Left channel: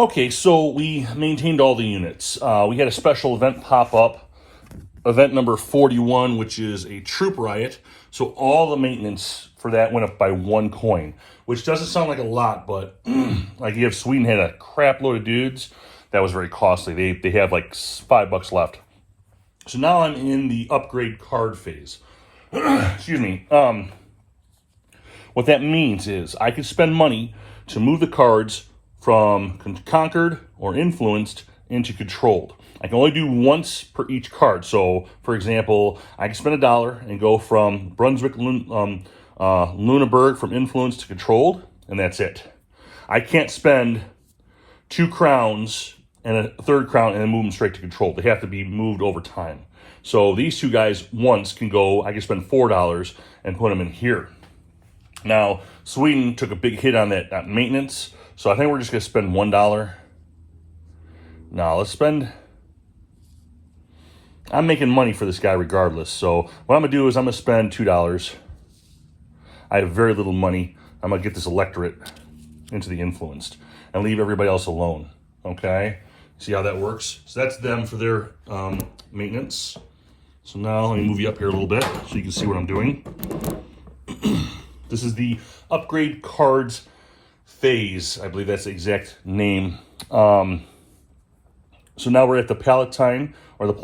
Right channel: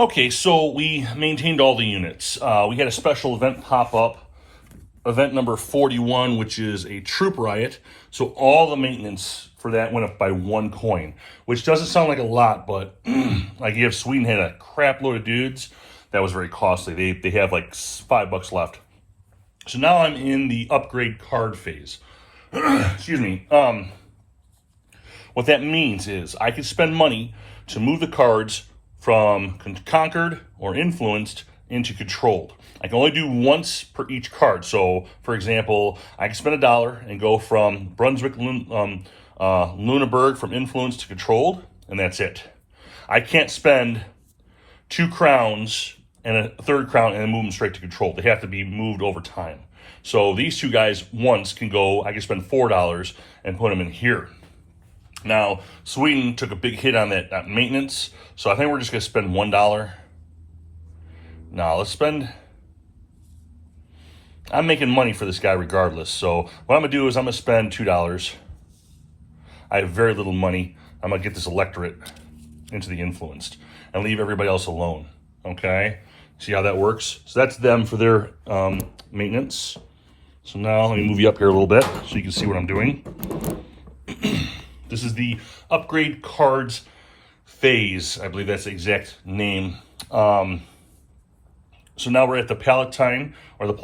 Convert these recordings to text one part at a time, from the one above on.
Okay, so we maintained all the units. We had a special event pop up, event number 41, which is a troop riot. So all the maintenance for that went up by 1 coin, which doesn't sound like a lot, but like you have Sweden had a crap load of dudes. That was very costly. They have like $5 left. So now I'm in the upgrade card phase. Excuse me. What that means is I can spend money to move the cards from conquered or influenced into controlled. I can only do once per each card. So, for example, I can spend $1 and go from Brunswick, Lunenburg from influenced to controlled, and that's it. I can't spend 2 crowns and a 3rd crown and then move them straight to controlled. They have to be moved over time. So these 2 guys once can go, I can spend $4 and put them in here. Now, Sweden took a big hit on that maintenance, so I think we're just going to spend $1. Now, let's spend... I'm making money for this guy regardless, so what I'm going to do is I'm going to spend $2. I have very little money. I'm going to get this electorate into the influenced and leave everybody else alone, okay? See how that works? So that's them for their maintenance. So now let me move you up here a little bit so you can see what I'm doing. This is the upgrade cards phase. I believe that's the exact name. So now we're at the Palatine, or the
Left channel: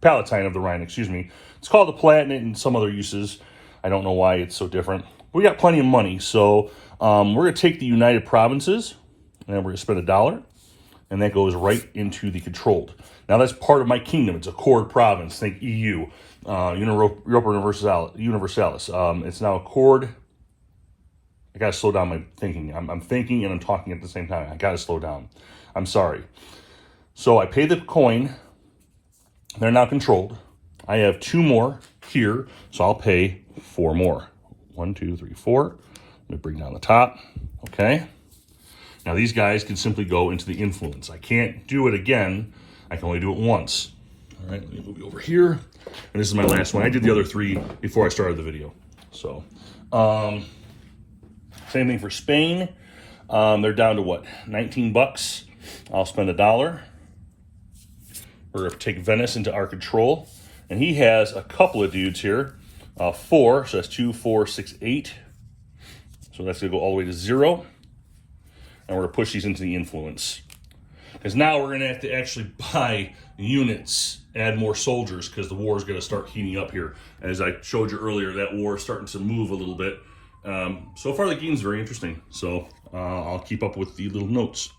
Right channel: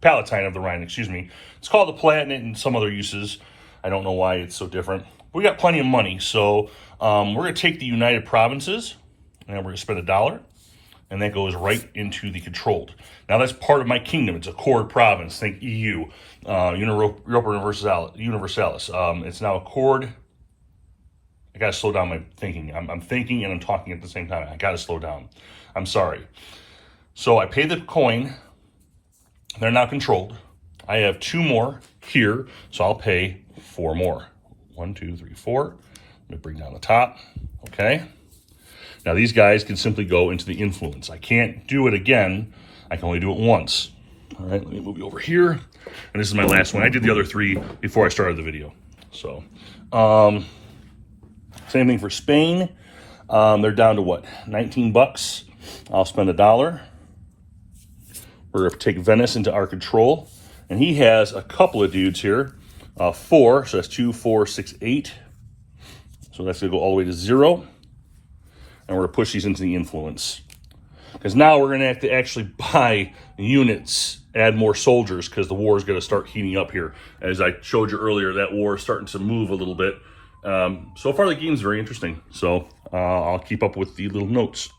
Palatine of the Rhine, excuse me. It's called the Palatinate and some other uses. I don't know why it's so different. We got plenty of money, so we're going to take the United Provinces, and we're going to spend $1, and that goes right into the controlled. Now that's part of my kingdom. It's a core province. Think EU, Europa Universalis. It's now a chord. I got to slow down my thinking. I'm thinking and I'm talking at the same time. I got to slow down. I'm sorry. So I pay the coin. They're now controlled. I have 2 more here, so I'll pay 4 more. 1, 2, 3, 4. Let me bring down the top. Okay. Now these guys can simply go into the influence. I can't do it again. I can only do it once. All right, let me move you over here. And this is my last one. I did the other 3 before I started the video. So, same thing for Spain. They're down to what? $19. I'll spend $1. We're going to take Venice into our control. And he has a couple of dudes here. 4, so that's 2, 4, 6, 8. So that's going to go all the way to 0. And we're going to push these into the influence. Because now we're going to have to actually buy units, add more soldiers, because the war is going to start heating up here. As I showed you earlier, that war is starting to move a little bit. So far, the game's very interesting. So I'll keep up with the little notes.